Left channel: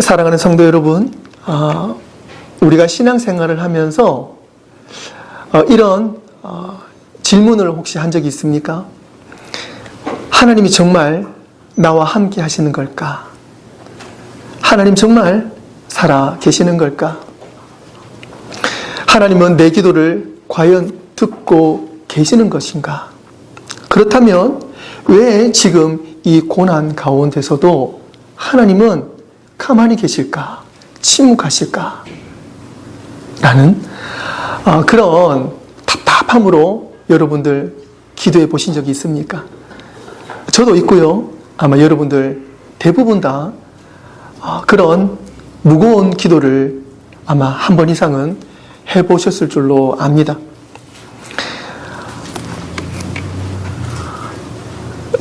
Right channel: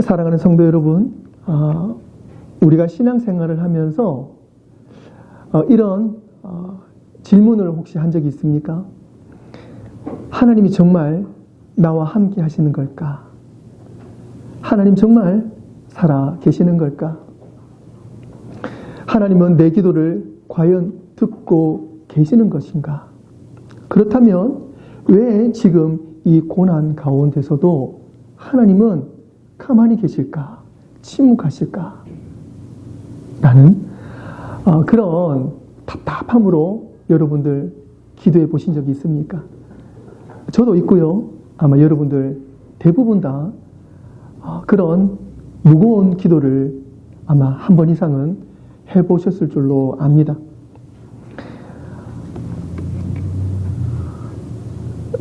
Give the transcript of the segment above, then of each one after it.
사랑하는 성도 여러분, 우리가 신앙생활을 하면서 이런 질문을 혹시 한 적이 있습니까? 하나님이 정말 나와 함께 하시는 걸까? 하나님 정말 살아 계시는 걸까? 하나님은 내 기도를 과연 듣고 계시는 것인가? 그렇다면 왜 지금 이 고난 가운데서도 하나님은 가만히 계실까? 침묵하실까? 라는 그런 답답함으로 여러분들 기도해 보신 적이 있습니까? 저도 있고요. 아마 여러분들 대부분 다 그런 무거운 기도를 아마 한 번 이상은 해보셨을 줄로 압니다.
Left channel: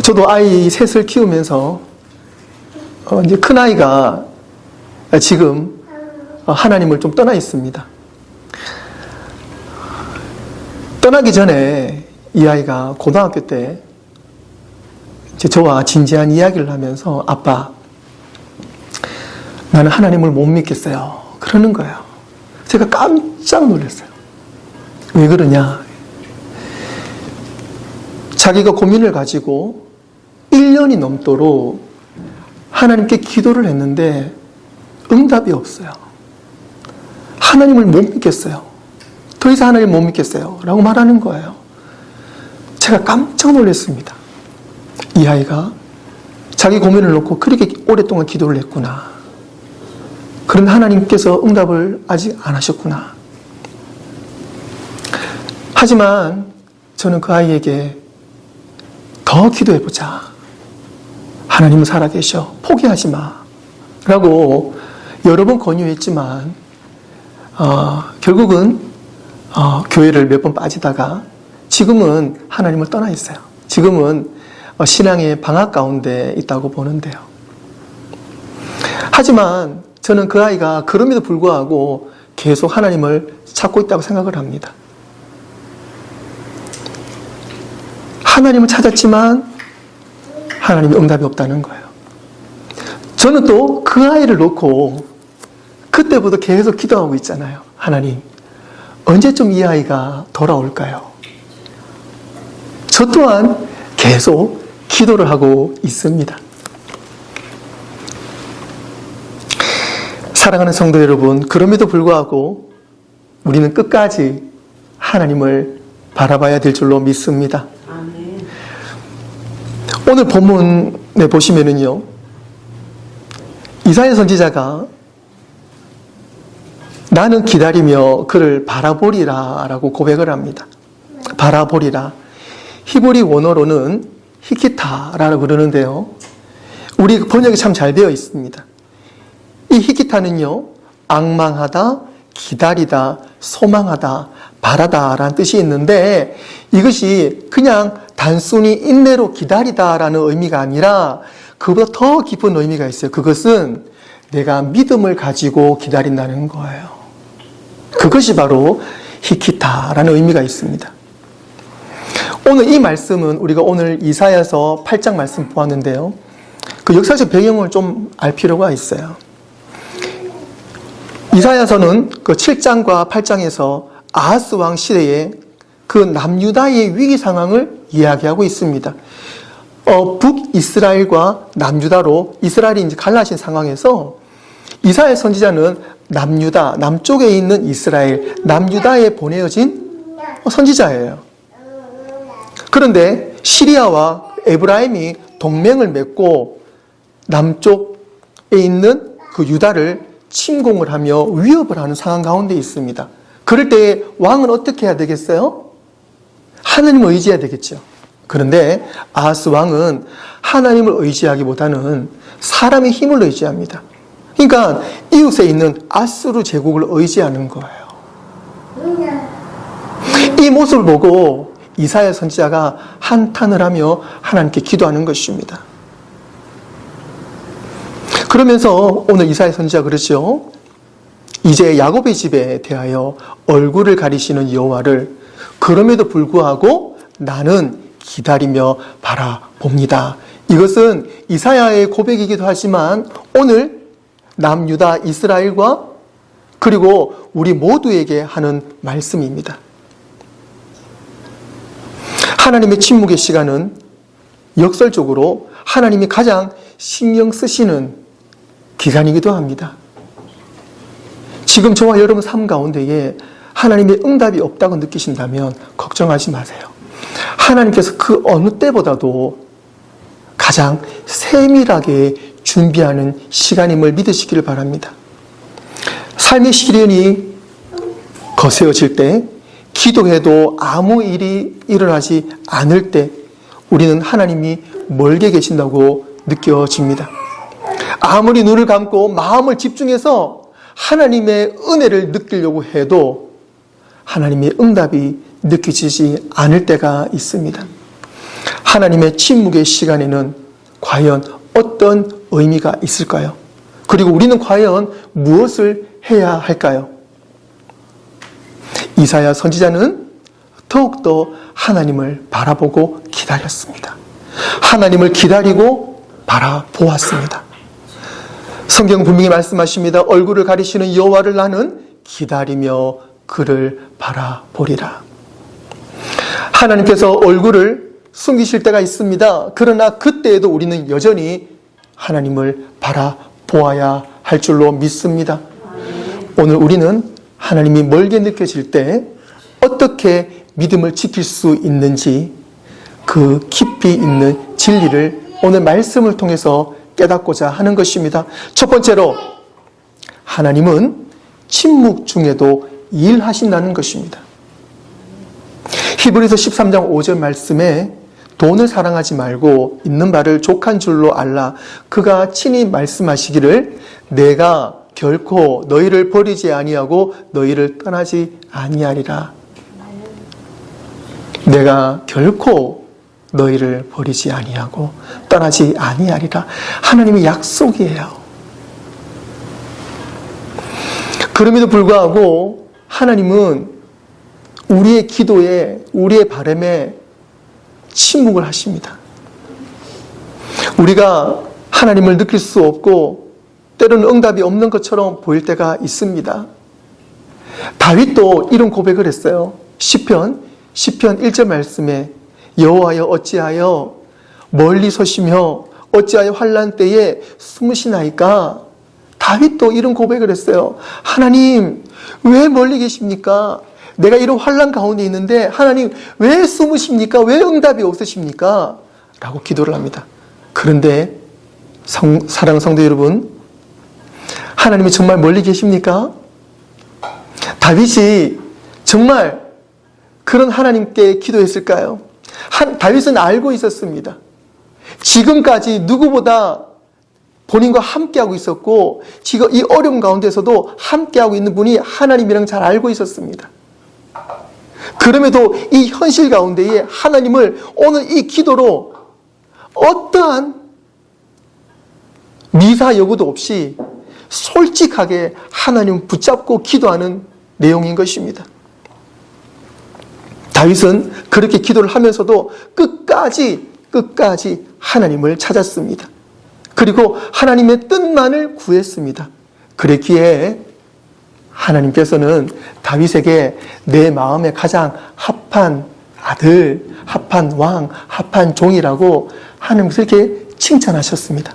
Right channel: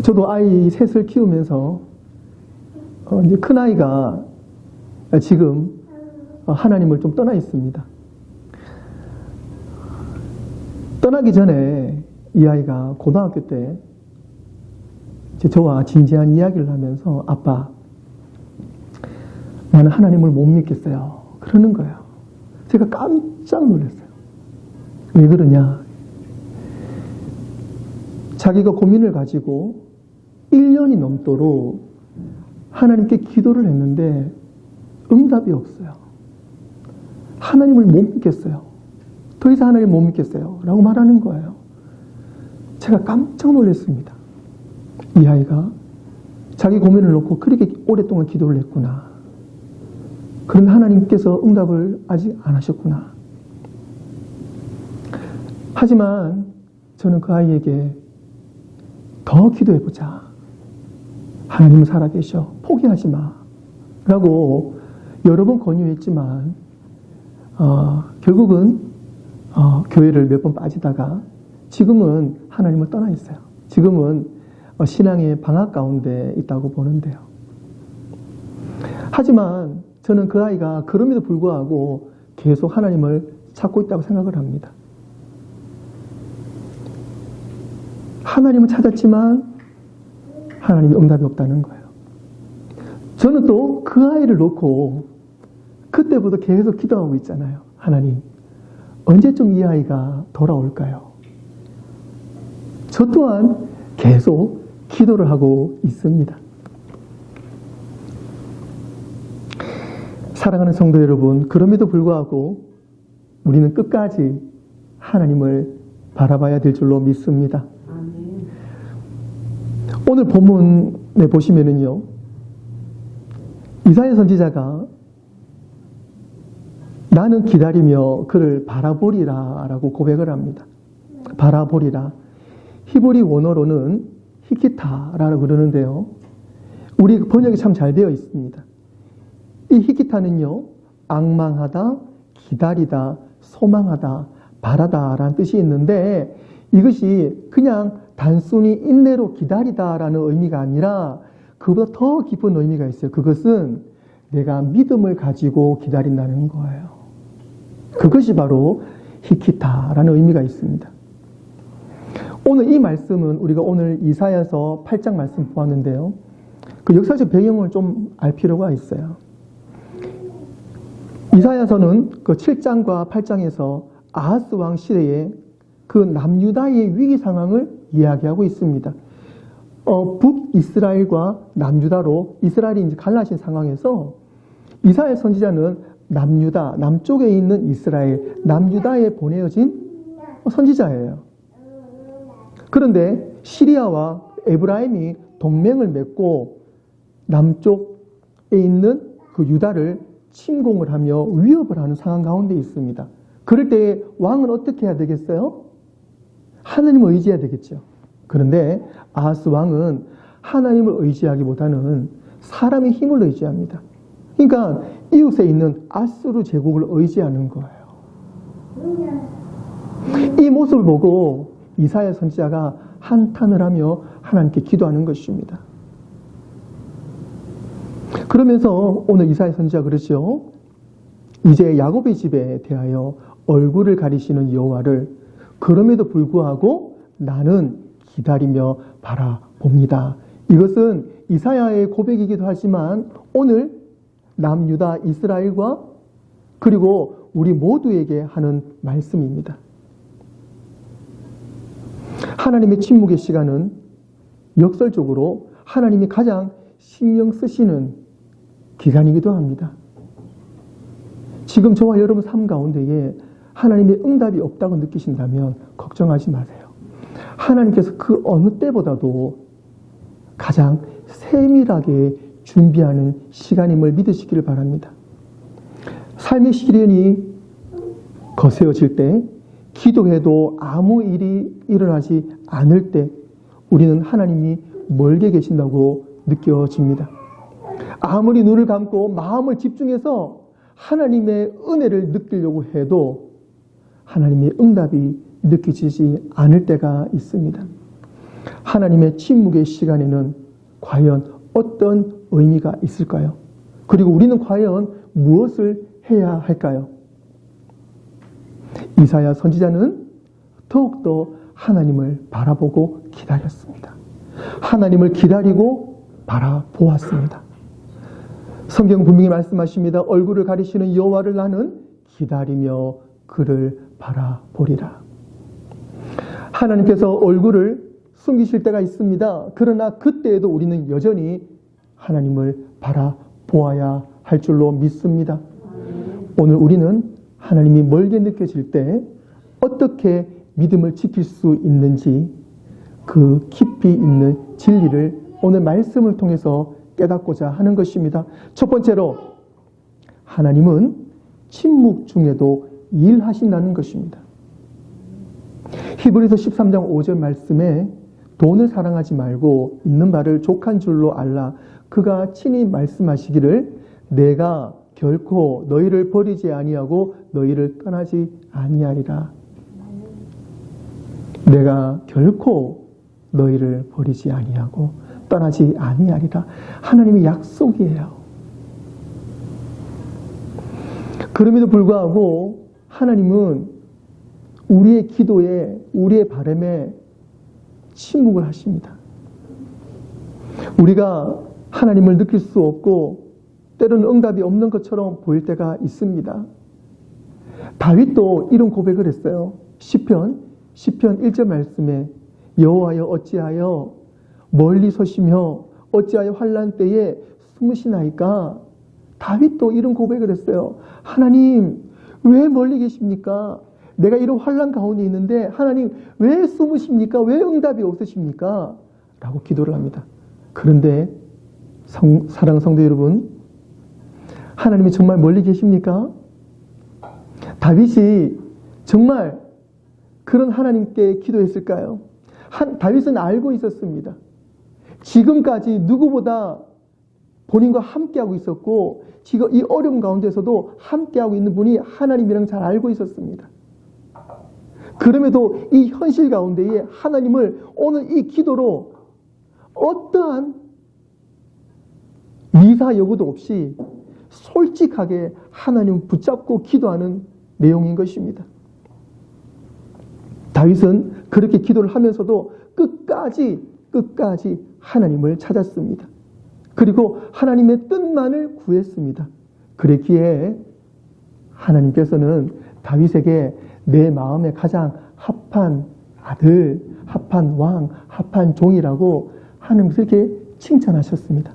저도 아이 셋을 키우면서 이제 큰아이가 지금 하나님을 좀 떠나 있습니다. 떠나기 전에 이 아이가 고등학교 때 이제 저와 진지한 이야기를 하면서 아빠, 나는 하나님을 못 믿겠어요. 그러는 거예요. 제가 깜짝 놀랐어요. 왜 그러냐? 자기가 고민을 가지고 1년이 넘도록 하나님께 기도를 했는데 응답이 없어요. 하나님을 못 믿겠어요. 더 이상 하나님을 못 믿겠어요. 라고 말하는 거예요. 제가 깜짝 놀랐습니다. 이 아이가 자기 고민을 놓고 그렇게 오랫동안 기도를 했구나. 그런데 하나님께서 응답을 아직 안 하셨구나. 하지만 저는 그 아이에게 더 기도해보자. 하나님은 살아계셔. 포기하지 마. 라고 여러 번 권유했지만 결국은 교회를 몇 번 빠지다가 지금은 하나님을 떠나 있어요. 지금은 신앙의 방학 가운데 있다고 보는데요. 하지만 저는 그 아이가 그럼에도 불구하고 계속 하나님을 찾고 있다고 생각을 합니다. 하나님을 찾았지만 하나님의 응답이 없다는 거예요. 저는 또 그 아이를 놓고 그때부터 계속 기도하고 있잖아요. 하나님, 언제쯤 이 아이가 돌아올까요? 저 또한 계속 기도를 하고 있습니다. 사랑하는 성도 여러분, 그럼에도 불구하고 우리는 끝까지 하나님을 바라봐야 될 줄로 믿습니다. 오늘 본문에 보시면은요, 이사야 선지자가 나는 기다리며 그를 바라보리라 라고 고백을 합니다. 바라보리라. 히브리 원어로는 히키타라고 그러는데요. 우리 번역이 참 잘 되어 있습니다. 이 히키타는요, 앙망하다, 기다리다, 소망하다, 바라다 라는 뜻이 있는데 이것이 그냥 단순히 인내로 기다리다 라는 의미가 아니라 그보다 더 깊은 의미가 있어요. 그것은 내가 믿음을 가지고 기다린다는 거예요. 그것이 바로 히키타라는 의미가 있습니다. 오늘 이 말씀은 우리가 오늘 이사야서 8장 말씀 보았는데요. 그 역사적 배경을 좀 알 필요가 있어요. 이사야서는 그 7장과 8장에서 아하스 왕 시대에 그 남유다의 위기 상황을 이야기하고 있습니다. 북이스라엘과 남유다로 이스라엘이 이제 갈라진 상황에서 이사야 선지자는 남유다, 남쪽에 있는 이스라엘, 남유다에 보내어진 선지자예요. 그런데 시리아와 에브라임이 동맹을 맺고 남쪽에 있는 그 유다를 침공을 하며 위협을 하는 상황 가운데 있습니다. 그럴 때 왕은 어떻게 해야 되겠어요? 하나님을 의지해야 되겠죠. 그런데 아하스 왕은 하나님을 의지하기보다는 사람의 힘을 의지합니다. 그러니까 이웃에 있는 아수르 제국을 의지하는 거예요. 이 모습을 보고 이사야 선지자가 한탄을 하며 하나님께 기도하는 것입니다. 그러면서 오늘 이사야 선지자가 그러죠. 이제 야곱의 집에 대하여 얼굴을 가리시는 여호와를 그럼에도 불구하고 나는 기다리며 바라봅니다. 이것은 이사야의 고백이기도 하지만 오늘 남유다 이스라엘과 그리고 우리 모두에게 하는 말씀입니다. 하나님의 침묵의 시간은 역설적으로 하나님이 가장 신경 쓰시는 기간이기도 합니다. 지금 저와 여러분 삶 가운데에 하나님의 응답이 없다고 느끼신다면 걱정하지 마세요. 하나님께서 그 어느 때보다도 가장 세밀하게 준비하는 시간임을 믿으시기를 바랍니다. 삶의 시련이 거세어질 때, 기도해도 아무 일이 일어나지 않을 때 우리는 하나님이 멀게 계신다고 느껴집니다. 아무리 눈을 감고 마음을 집중해서 하나님의 은혜를 느끼려고 해도 하나님의 응답이 느껴지지 않을 때가 있습니다. 하나님의 침묵의 시간에는 과연 어떤 의미가 있을까요? 그리고 우리는 과연 무엇을 해야 할까요? 이사야 선지자는 더욱더 하나님을 바라보고 기다렸습니다. 하나님을 기다리고 바라보았습니다. 성경 분명히 말씀하십니다. 얼굴을 가리시는 여호와를 나는 기다리며 그를 바라보리라. 하나님께서 얼굴을 숨기실 때가 있습니다. 그러나 그때에도 우리는 여전히 하나님을 바라보아야 할 줄로 믿습니다. 오늘 우리는 하나님이 멀게 느껴질 때 어떻게 믿음을 지킬 수 있는지 그 깊이 있는 진리를 오늘 말씀을 통해서 깨닫고자 하는 것입니다. 첫 번째로 하나님은 침묵 중에도 일하신다는 것입니다. 히브리서 13장 5절 말씀에 돈을 사랑하지 말고 있는 바를 족한 줄로 알라. 그가 친히 말씀하시기를 내가 결코 너희를 버리지 아니하고 너희를 떠나지 아니하리라. 내가 결코 너희를 버리지 아니하고 떠나지 아니하리라. 하나님의 약속이에요. 그럼에도 불구하고 하나님은 우리의 기도에, 우리의 바람에 침묵을 하십니다. 우리가 하나님을 느낄 수 없고 때로는 응답이 없는 것처럼 보일 때가 있습니다. 다윗도 이런 고백을 했어요. 시편 1절 말씀에 여호와여 어찌하여 멀리 서시며 어찌하여 환난 때에 숨으시나이까. 다윗도 이런 고백을 했어요. 하나님 왜 멀리 계십니까? 내가 이런 환난 가운데 있는데 하나님 왜 숨으십니까? 왜 응답이 없으십니까? 라고 기도를 합니다. 그런데 사랑하는 성도 여러분, 하나님이 정말 멀리 계십니까? 다윗이 정말 그런 하나님께 기도했을까요? 다윗은 알고 있었습니다. 지금까지 누구보다 본인과 함께하고 있었고 지금 이 어려운 가운데서도 함께하고 있는 분이 하나님이랑 잘 알고 있었습니다. 그럼에도 이 현실 가운데에 하나님을 오늘 이 기도로 어떠한 미사 여구도 없이 솔직하게 하나님을 붙잡고 기도하는 내용인 것입니다. 다윗은 그렇게 기도를 하면서도 끝까지 하나님을 찾았습니다. 그리고 하나님의 뜻만을 구했습니다. 그랬기에 하나님께서는 다윗에게 내 마음에 가장 합한 아들, 합한 왕, 합한 종이라고 하나님께서 이렇게 칭찬하셨습니다.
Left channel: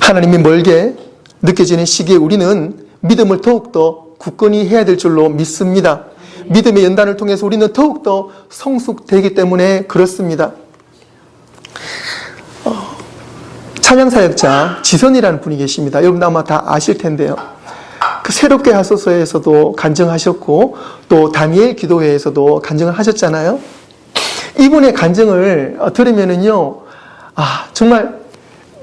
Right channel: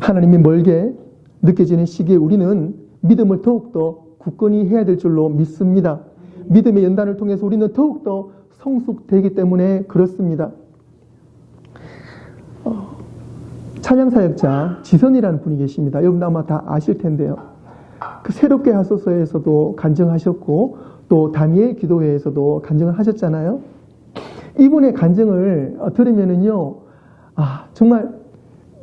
하나님이 멀게 느껴지는 시기에 우리는 믿음을 더욱더 굳건히 해야 될 줄로 믿습니다. 믿음의 연단을 통해서 우리는 더욱더 성숙되기 때문에 그렇습니다. 찬양사역자 지선이라는 분이 계십니다. 여러분 아마 다 아실 텐데요. 그 새롭게 하소서에서도 간증하셨고 또 다니엘 기도회에서도 간증을 하셨잖아요. 이분의 간증을 들으면은요, 정말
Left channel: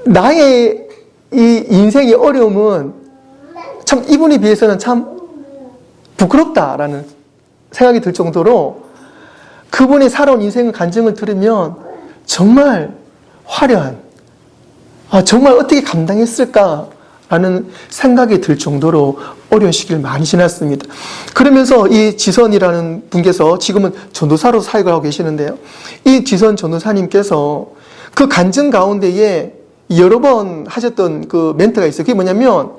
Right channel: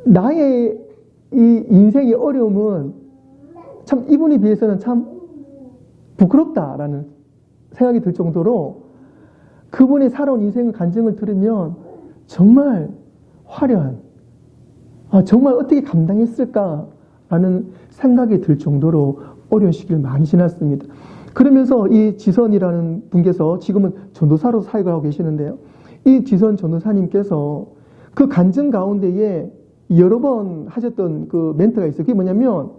나의 이 인생의 어려움은 참 이분에 비해서는 참 부끄럽다라는 생각이 들 정도로 그분의 살아온 인생의 간증을 들으면 정말 화려한, 정말 어떻게 감당했을까라는 생각이 들 정도로 어려운 시기를 많이 지났습니다. 그러면서 이 지선이라는 분께서 지금은 전도사로 사역을 하고 계시는데요. 이 지선 전도사님께서 그 간증 가운데에 여러 번 하셨던 그 멘트가 있어요. 그게 뭐냐면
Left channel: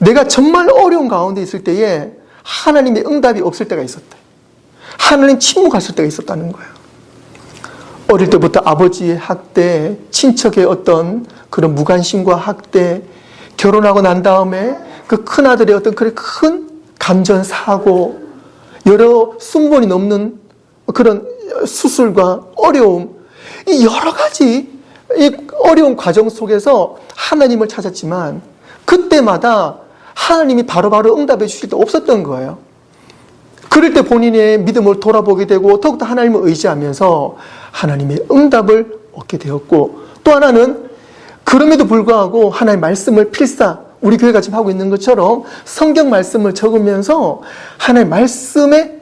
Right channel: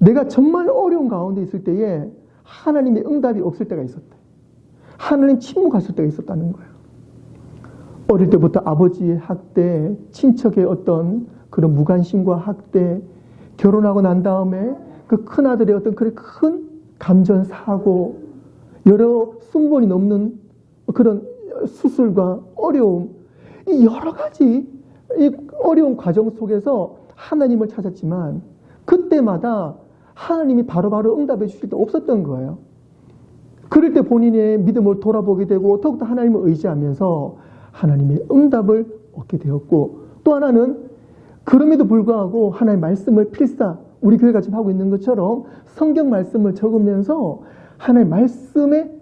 내가 정말 어려운 가운데 있을 때에 하나님의 응답이 없을 때가 있었대. 하나님 침묵했을 때가 있었다는 거예요. 어릴 때부터 아버지의 학대, 친척의 어떤 그런 무관심과 학대, 결혼하고 난 다음에 그 큰아들의 어떤 그런 큰 감전사고, 여러 순번이 넘는 그런 수술과 어려움, 이 여러 가지 이 어려운 과정 속에서 하나님을 찾았지만 그때마다 하나님이 바로바로 응답해 주실 때 없었던 거예요. 그럴 때 본인의 믿음을 돌아보게 되고 더욱더 하나님을 의지하면서 하나님의 응답을 얻게 되었고, 또 하나는 그럼에도 불구하고 하나님의 말씀을 필사, 우리 교회가 지금 하고 있는 것처럼 성경 말씀을 적으면서 하나님의 말씀의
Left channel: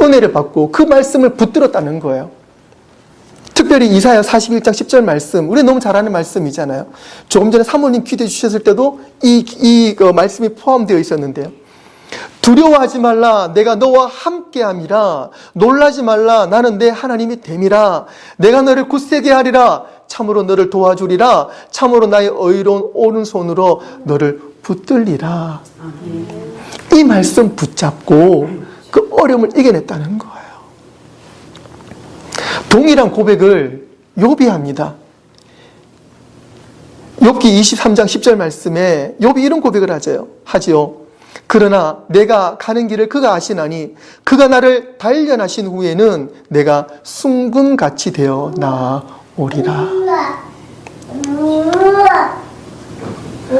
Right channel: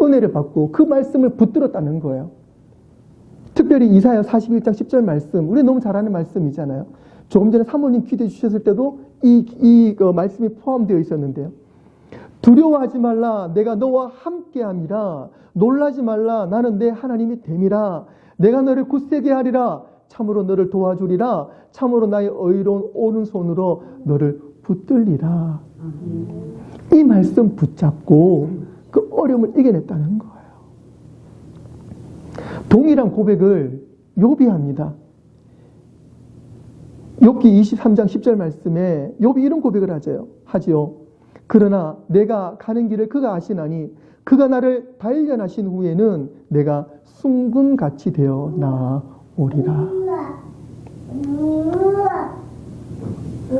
은혜를 받고 그 말씀을 붙들었다는 거예요. 특별히 이사야 41장 10절 말씀, 우리 너무 잘 아는 말씀이잖아요. 조금 전에 사모님 기도해 주셨을 때도 이 말씀이 포함되어 있었는데요. 두려워하지 말라, 내가 너와 함께함이라. 놀라지 말라, 나는 내 하나님이 됨이라. 내가 너를 굳세게 하리라. 참으로 너를 도와주리라. 참으로 나의 의로운 오른손으로 너를 붙들리라. 이 말씀 붙잡고 그 어려움을 이겨냈다는 거예요. 동일한 고백을 욥이 합니다. 욥기 23장 10절 말씀에 욥이 이런 고백을 하지요. 그러나 내가 가는 길을 그가 아시나니 그가 나를 단련하신 후에는 내가 순금같이 되어 나오리라.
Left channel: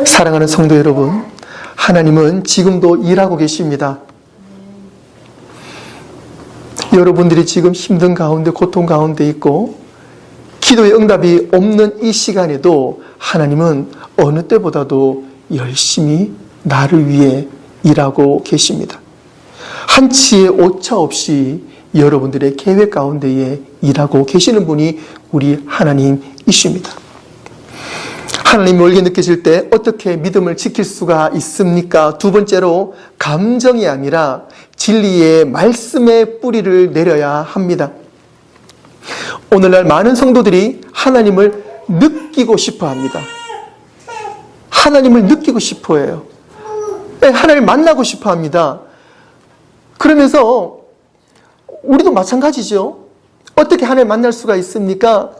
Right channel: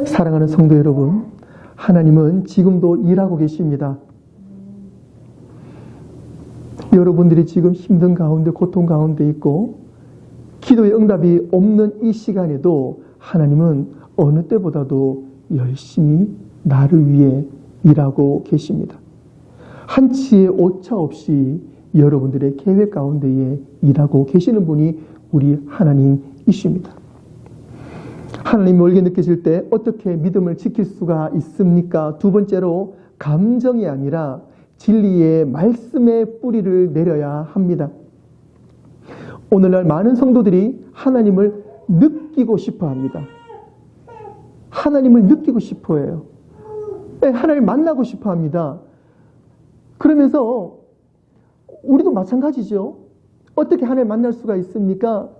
사랑하는 성도 여러분, 하나님은 지금도 일하고 계십니다. 여러분들이 지금 힘든 가운데, 고통 가운데 있고 기도의 응답이 없는 이 시간에도 하나님은 어느 때보다도 열심히 나를 위해 일하고 계십니다. 한치의 오차 없이 여러분들의 계획 가운데에 일하고 계시는 분이 우리 하나님이십니다. 하나님이 멀게 느껴질 때 어떻게 믿음을 지킬 수가 있습니까? 두 번째로 감정이 아니라 진리의 말씀의 뿌리를 내려야 합니다. 오늘날 많은 성도들이 하나님을 느끼고 싶어 합니다. 하나님을 느끼고 싶어 해요. 하나님을 만나고 싶어 합니다. 그러면서 우리도 마찬가지죠. 어떻게 하나님을 만날 수가 있습니까?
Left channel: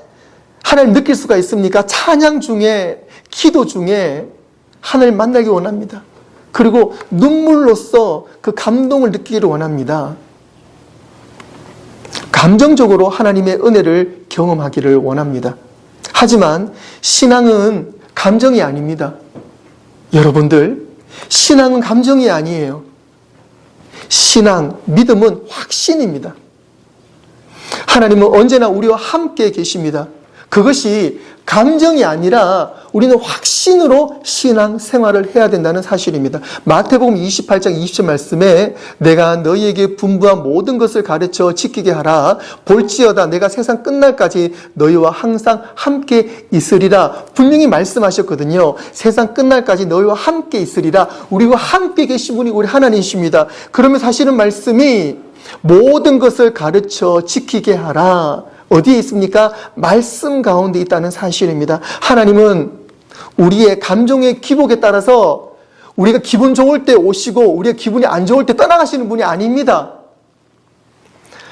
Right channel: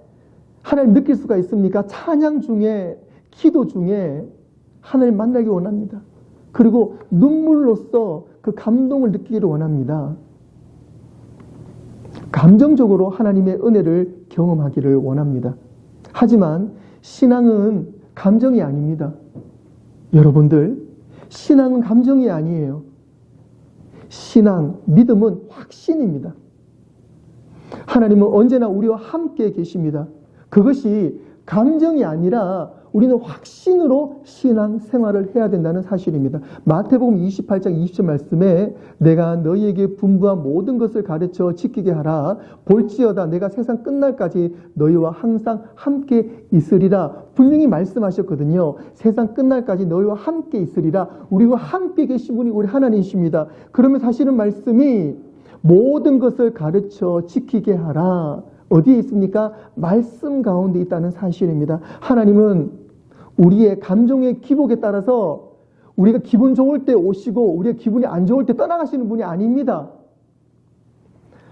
하나님을 느낄 수가 있습니까? 찬양 중에, 기도 중에 하나님을 만나기 원합니다. 그리고 눈물로써 그 감동을 느끼기를 원합니다. 감정적으로 하나님의 은혜를 경험하기를 원합니다. 하지만 신앙은 감정이 아닙니다. 여러분들, 신앙은 감정이 아니에요. 신앙, 믿음은 확신입니다. 하나님은 언제나 우리와 함께 계십니다. 그것이 감정이 아니라 우리는 확신으로 신앙 생활을 해야 된다는 사실입니다. 마태복음 28장 20절 말씀에 내가 너희에게 분부한 모든 것을 가르쳐 지키게 하라. 볼지어다 내가 세상 끝날까지 너희와 항상 함께 있으리라. 분명히 말씀하셨거든요. 세상 끝날까지 너희와 함께 있으리라. 우리와 함께 계신 분이 우리 하나님이십니다. 그러면 사실은 말씀이 모든 것을 가르쳐 지키게 하라. 어디에 있습니까? 말씀 가운데 있다는 사실입니다. 하나님은 우리의 감정의 기복에 따라서 우리가 기분 좋을 때 오시고 우리가 기분이 안 좋을 때 떠나가시는 분이 아닙니다.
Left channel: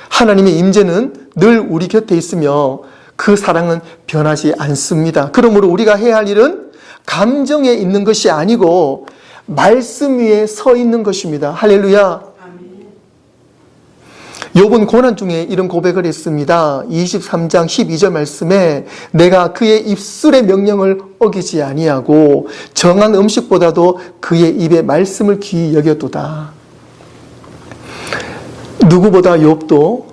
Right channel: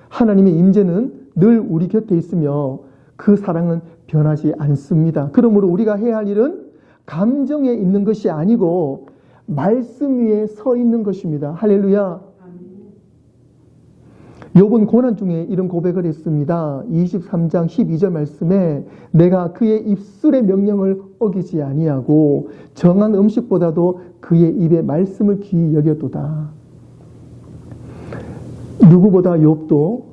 하나님의 임재는 늘 우리 곁에 있으며 그 사랑은 변하지 않습니다. 그러므로 우리가 해야 할 일은 감정에 있는 것이 아니고 말씀 위에 서 있는 것입니다. 할렐루야. 욥은 고난 중에 이런 고백을 했습니다. 23장 12절 말씀에 내가 그의 입술의 명령을 어기지 아니하고 정한 음식보다도 그의 입의 말씀을 귀히 여겼도다. 누구보다 욥도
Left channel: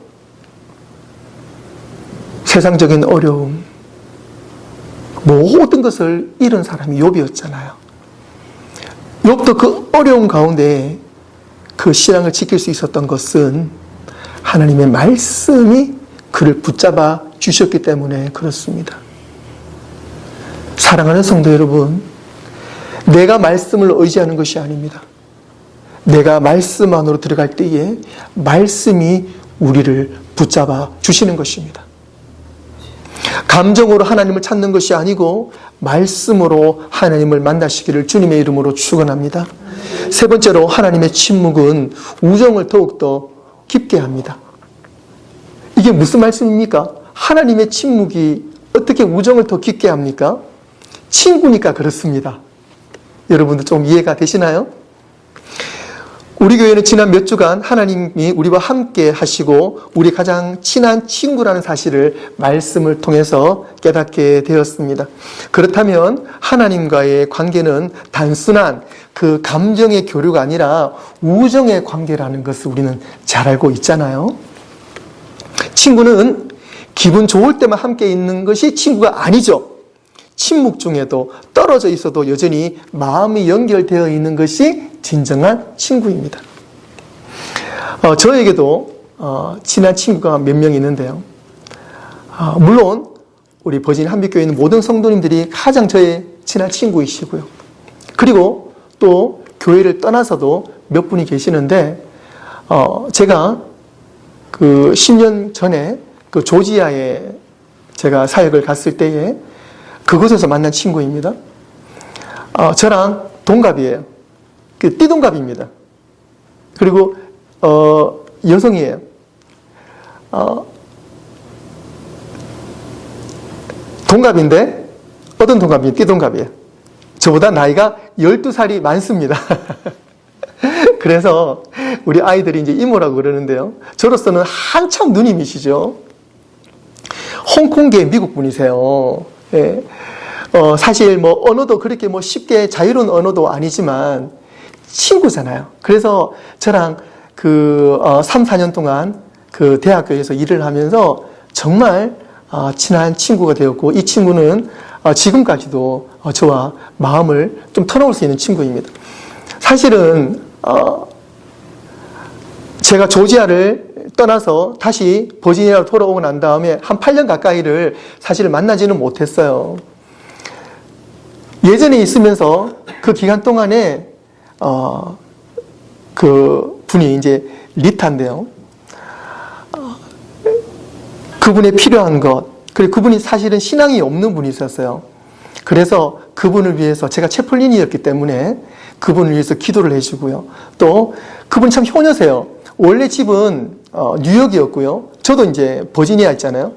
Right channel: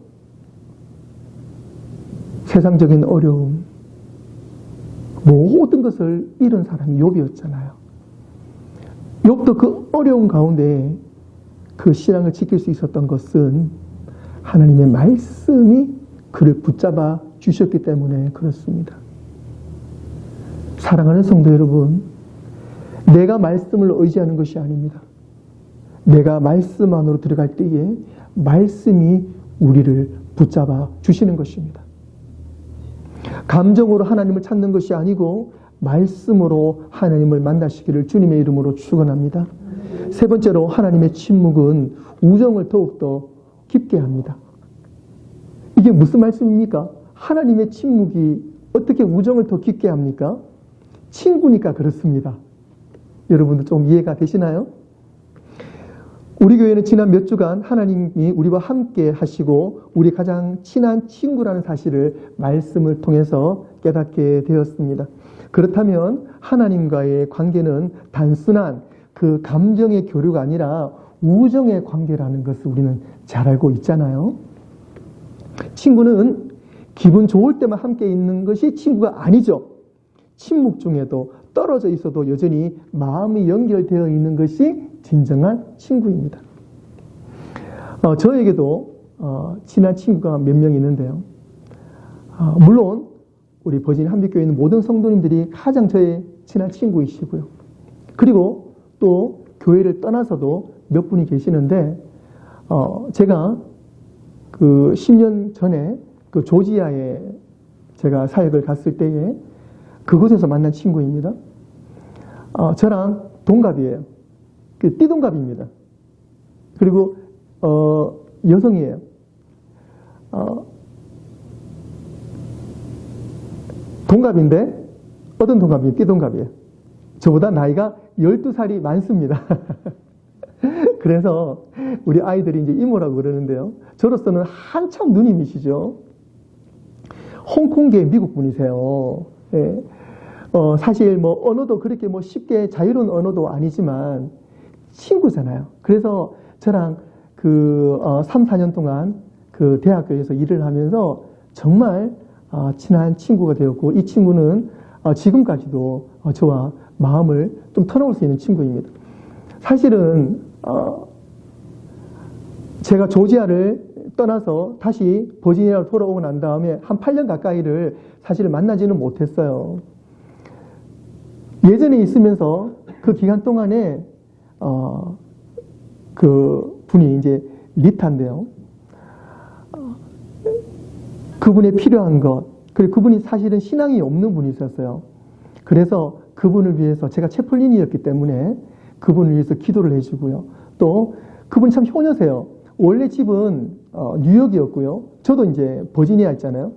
세상적인 어려움, 모든 것을 잃은 사람이 욥이었잖아요. 욥도 그 어려움 가운데 그 신앙을 지킬 수 있었던 것은 하나님의 말씀이 그를 붙잡아 주셨기 때문에 그렇습니다. 사랑하는 성도 여러분, 내가 말씀을 의지하는 것이 아닙니다. 내가 말씀 안으로 들어갈 때에 말씀이 우리를 붙잡아 주시는 것입니다. 감정으로 하나님을 찾는 것이 아니고 말씀으로 하나님을 만나시기를 주님의 이름으로 축원합니다. 세 번째로 하나님의 침묵은 우정을 더욱더 깊게 합니다. 이게 무슨 말씀입니까? 하나님의 침묵이 어떻게 우정을 더 깊게 합니까? 친구니까 그렇습니다. 여러분들 좀 이해가 되시나요? 우리 교회는 지난 몇 주간 하나님이 우리와 함께 하시고 우리 가장 친한 친구라는 사실을 말씀을 통해서 깨닫게 되었습니다. 그렇다면 하나님과의 관계는 단순한 그 감정의 교류가 아니라 우정의 관계라는 것을 우리는 잘 알고 있잖아요. 친구는 기분 좋을 때만 함께 있는 것이 친구가 아니죠. 침묵 중에도 떨어져 있어도 여전히 마음이 연결되어 있는 것이 진정한 친구입니다. 저에게도 친한 친구가 몇 명 있는데요. 물론 우리 버진 한빛교회 있는 모든 성도님들이 가장 저의 친한 친구이시고요. 그리고 또 교회를 떠나서도 몇 분이 계시는데 제가 그 10년 전에 그 조지아에 제가 사역을 갔을 때에 그곳에서 만난 친구입니다. 저랑 동갑이에요. 띠동갑입니다. 그리고 여성이에요. 동갑인데 어떤 동갑이에요? 띠동갑이에요. 저보다 나이가 12살이 많습니다. 그래서 우리 아이들이 이제 이모라고 그러는데요. 저로서는 한참 누님이시죠. 홍콩계 미국 분이세요. 예. 사실 뭐 언어도 그렇게 뭐 쉽게 자유로운 언어도 아니지만 친구잖아요. 그래서 저랑 그 3, 4년 동안 그 대학교에서 일을 하면서 정말 친한 친구가 되었고 이 친구는 지금까지도 저와 마음을 좀 털어놓을 수 있는 친구입니다. 사실은 제가 조지아를 떠나서 다시 버지니아로 돌아오고 난 다음에 한 8년 가까이를 사실 만나지는 못했어요. 예전에 있으면서 그 기간 동안에 그 분이 이제 리타인데요. 그분의 필요한 것, 그리고 그분이 사실은 신앙이 없는 분이 있었어요. 그래서 그분을 위해서 제가 채플린이었기 때문에 그분을 위해서 기도를 해주고요. 또 그분이 참 효녀세요. 원래 집은 뉴욕이었고요. 저도 이제 버지니아 있잖아요.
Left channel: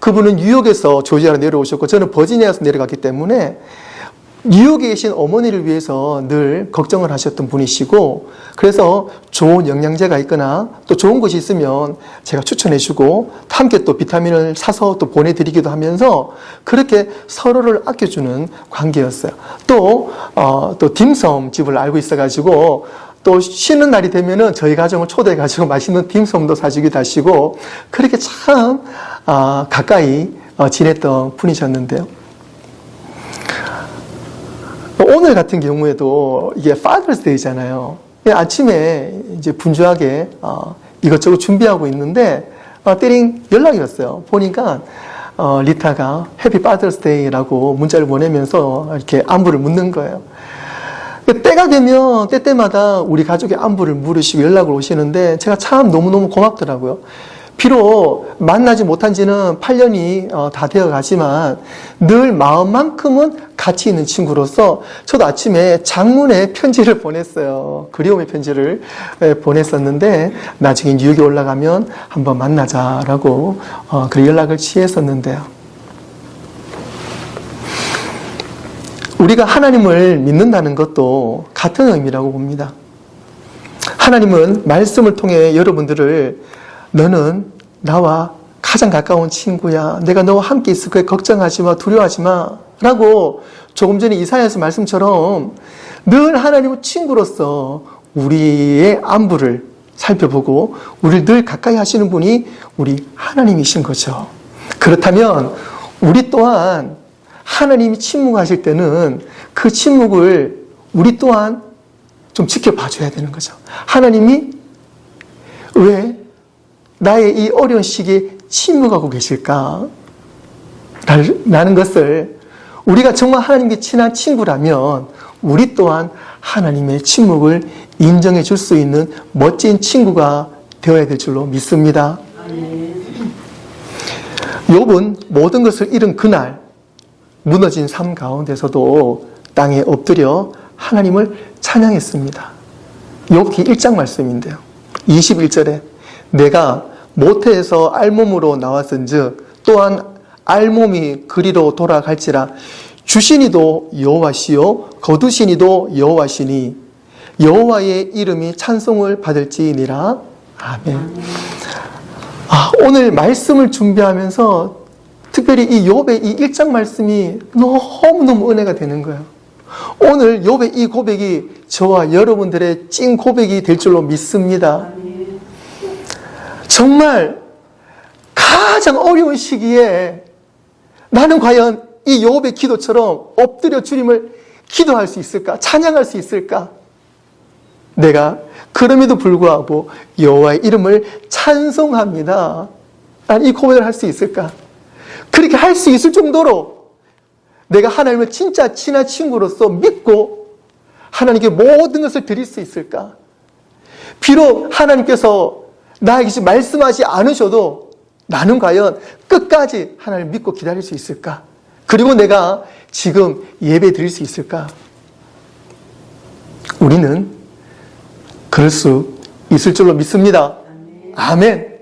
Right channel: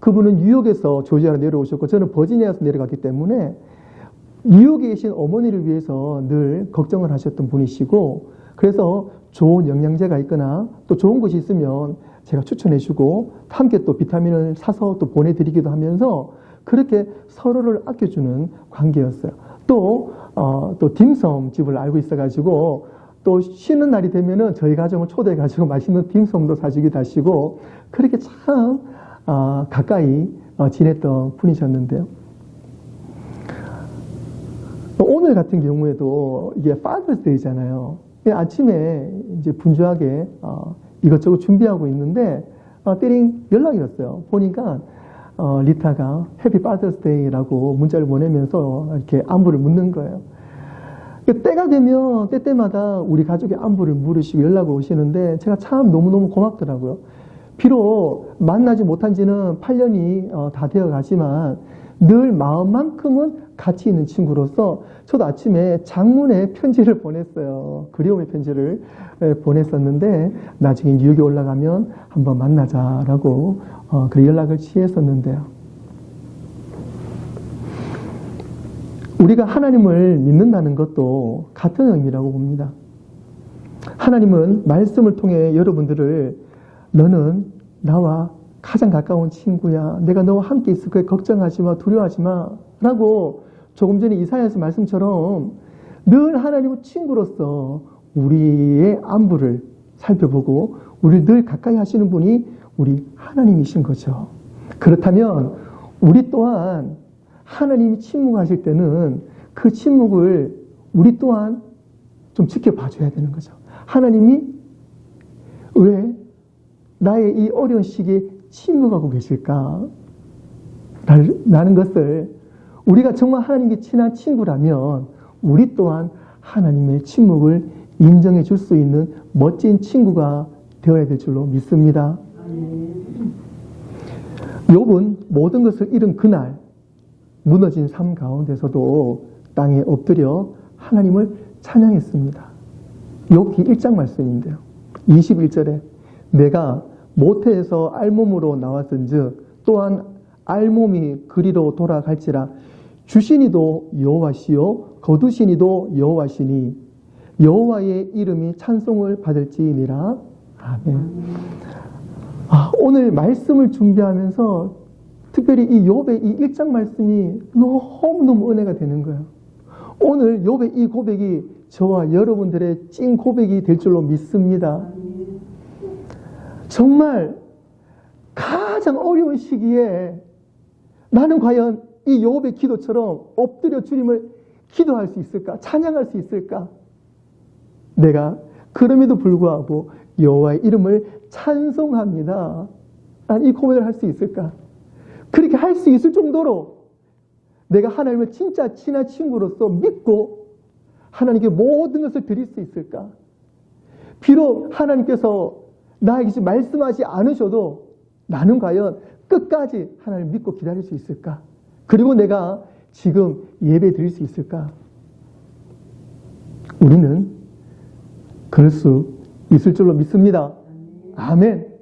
그분은 뉴욕에서 조지아로 내려오셨고 저는 버지니아에서 내려갔기 때문에 뉴욕에 계신 어머니를 위해서 늘 걱정을 하셨던 분이시고 그래서 좋은 영양제가 있거나 또 좋은 것이 있으면 제가 추천해주고 함께 또 비타민을 사서 또 보내드리기도 하면서 그렇게 서로를 아껴주는 관계였어요. 또 딤섬 집을 알고 있어가지고 또 쉬는 날이 되면은 저희 가정을 초대해가지고 맛있는 딤섬도 사주기도 하시고 그렇게 참 가까이 지냈던 분이셨는데요. 오늘 같은 경우에도 이게 Father's Day잖아요. 아침에 이제 분주하게 이것저것 준비하고 있는데 띠링 연락이 왔어요. 보니까 리타가 Happy Father's Day라고 문자를 보내면서 이렇게 안부를 묻는 거예요. 때가 되면 때때마다 우리 가족의 안부를 물으시고 연락을 오시는데 제가 참 너무너무 고맙더라고요. 비록 만나지 못한 지는 8년이 다 되어 가지만 늘 마음만큼은 같이 있는 친구로서 저도 아침에 장문의 편지를 보냈어요. 그리움의 편지를 보냈었는데 나중에 뉴욕에 올라가면 한번 만나자라고 그 연락을 취했었는데요. 우리가 하나님을 믿는다는 것도 같은 의미라고 봅니다. 하나님은 말씀을 통해 여러분들을 너는 나와 가장 가까운 친구야. 내가 너와 함께 있을 거야. 걱정하지 마. 두려워하지 마. 라고 조금 전에 이사야서 말씀처럼 늘 하나님은 친구로서 우리의 안부를 살펴보고 우리를 늘 가까이 하시는 분이 우리 하나님이신 거죠. 그렇다면 우리 또한 하나님이 침묵하실 때는 그 침묵을 우리 또한 좀 지켜봐 줘야 되는 거죠. 하나님이 왜 나의 이 어려운 시기에 침묵하고 계실까? 라는 것을 우리가 정말 하나님께 친한 친구라면 우리 또한 하나님의 침묵을 인정해 줄 수 있는 멋진 친구가 되어야 될 줄로 믿습니다. 욥은 모든 것을 잃은 그날 무너진 삶 가운데서도 땅에 엎드려 하나님을 찬양했습니다. 욥기 1장 말씀인데요. 21절에 내가 모태에서 알몸으로 나왔은즉 또한 알몸이 그리로 돌아갈지라 주시니도 여호와시요 거두시니도 여호와시니 여호와의 이름이 찬송을 받을지니라. 아멘. 오늘 말씀을 준비하면서 특별히 이 욥의 이 1장 말씀이 너무너무 은혜가 되는 거예요. 오늘 욥의 이 고백이 저와 여러분들의 찐 고백이 될 줄로 믿습니다. 정말 가장 어려운 시기에 나는 과연 이 욥의 기도처럼 엎드려 주님을 기도할 수 있을까? 찬양할 수 있을까? 내가 그럼에도 불구하고 여호와의 이름을 찬송합니다. 난 이 고백을 할 수 있을까? 그렇게 할 수 있을 정도로 내가 하나님을 진짜 친한 친구로서 믿고 하나님께 모든 것을 드릴 수 있을까? 비록 하나님께서 나에게 지금 말씀하지 않으셔도 나는 과연 끝까지 하나님을 믿고 기다릴 수 있을까? 그리고 내가 지금 예배 드릴 수 있을까? 우리는 그럴 수 있을 줄로 믿습니다. 아멘.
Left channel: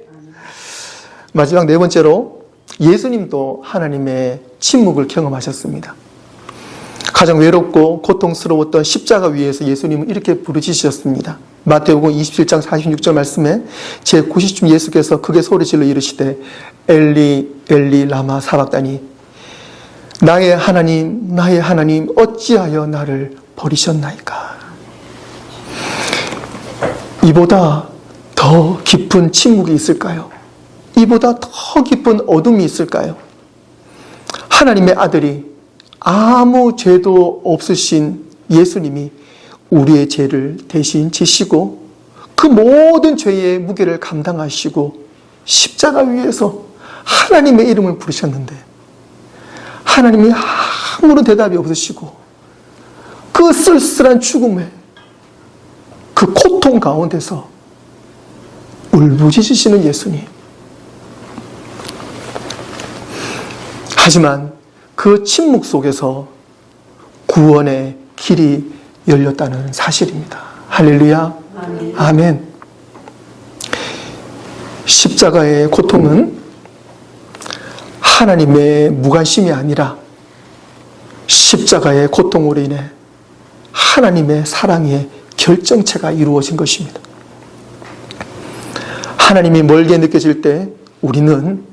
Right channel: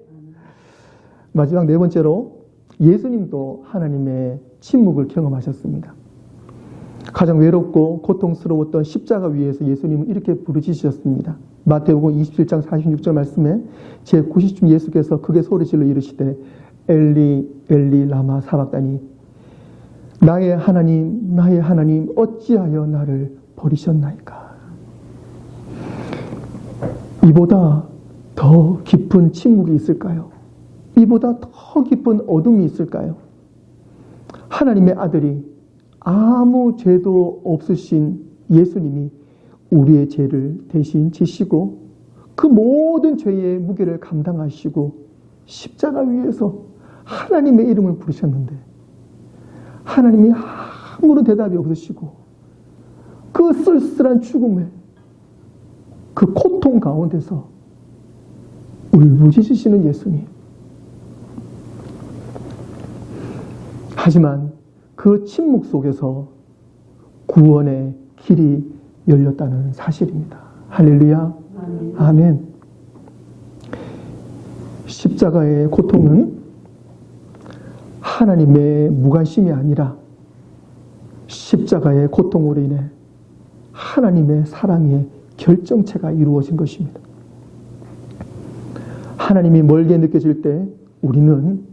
마지막 네 번째로 예수님도 하나님의 침묵을 경험하셨습니다. 가장 외롭고 고통스러웠던 십자가 위에서 예수님은 이렇게 부르짖으셨습니다. 마태복음 27장 46절 말씀에 제90쯤 예수께서 크게 소리질러 이르시되 엘리 엘리 라마 사박다니 나의 하나님 어찌하여 나를 버리셨나이까. 이보다 더 깊은 침묵이 있을까요? 이보다 더 깊은 어둠이 있을까요? 하나님의 아들이 아무 죄도 없으신 예수님이 우리의 죄를 대신 지시고 그 모든 죄의 무게를 감당하시고 십자가 위에서 하나님의 이름을 부르셨는데 하나님이 아무런 대답이 없으시고 그 쓸쓸한 죽음에 그 고통 가운데서 울부짖으시는 예수님. 하지만 그 침묵 속에서 구원의 길이 열렸다는 사실입니다. 할렐루야. 아멘. 아멘. 십자가의 고통은 하나님의 무관심이 아니라 십자가의 고통으로 인해 하나님의 사랑의 결정체가 이루어진 것입니다. 하나님이 멀게 느껴질 때 우리는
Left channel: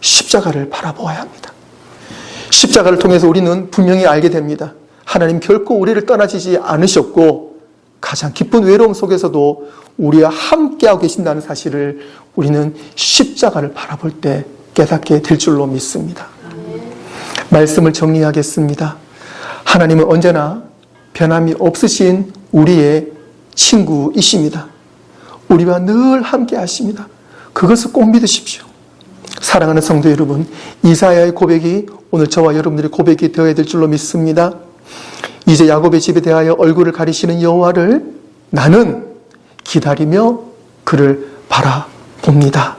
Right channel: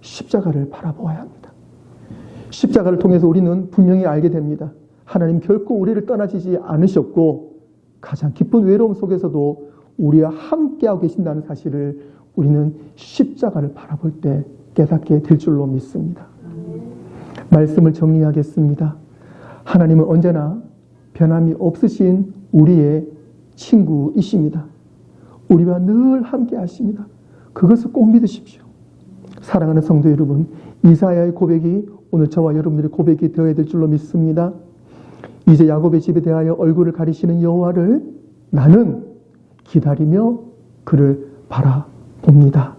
십자가를 바라보아야 합니다. 십자가를 통해서 우리는 분명히 알게 됩니다. 하나님 결코 우리를 떠나시지 않으셨고 가장 기쁜 외로움 속에서도 우리와 함께하고 계신다는 사실을 우리는 십자가를 바라볼 때 깨닫게 될 줄로 믿습니다. 말씀을 정리하겠습니다. 하나님은 언제나 변함이 없으신 우리의 친구이십니다. 우리와 늘 함께 하십니다. 그것을 꼭 믿으십시오. 사랑하는 성도 여러분, 이사야의 고백이 오늘 저와 여러분들의 고백이 되어야 될 줄로 믿습니다. 이제 야곱의 집에 대하여 얼굴을 가리시는 여호와를 나는 기다리며 그를 바라봅니다.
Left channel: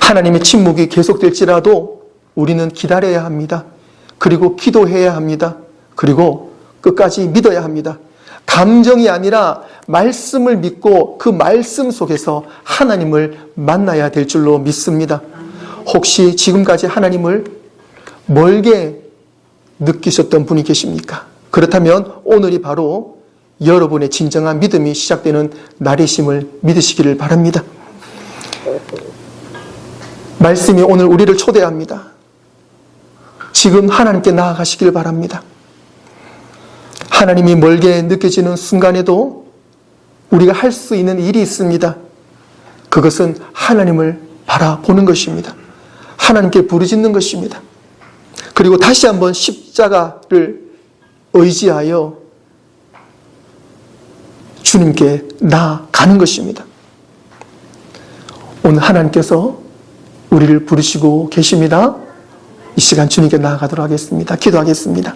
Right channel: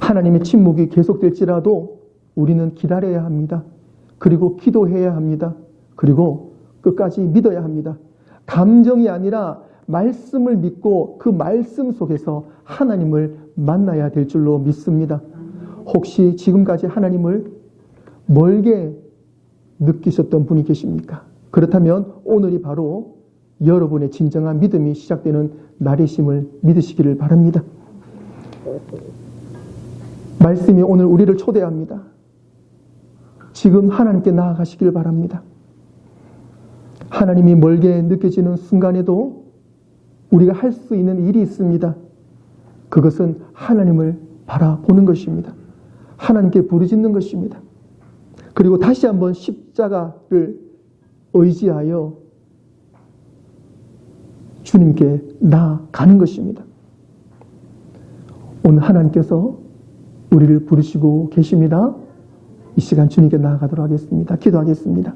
하나님의 침묵이 계속될지라도 우리는 기다려야 합니다. 그리고 기도해야 합니다. 그리고 끝까지 믿어야 합니다. 감정이 아니라 말씀을 믿고 그 말씀 속에서 하나님을 만나야 될 줄로 믿습니다. 혹시 지금까지 하나님을 멀게 느끼셨던 분이 계십니까? 그렇다면 오늘이 바로 여러분의 진정한 믿음이 시작되는 날이심을 믿으시기를 바랍니다. 말씀이 오늘 우리를 초대합니다. 지금 하나님께 나아가시길 바랍니다. 하나님이 멀게 느껴지는 순간에도 우리가 할 수 있는 일이 있습니다. 그것은 하나님을 바라보는 것입니다. 하나님께 부르짖는 것입니다. 그리고 다시 한번 십자가를 의지하여 주님께 나아가는 것입니다. 오늘 하나님께서 우리를 부르시고 계십니다. 이 시간 주님께 나아가도록 하겠습니다. 기도하겠습니다.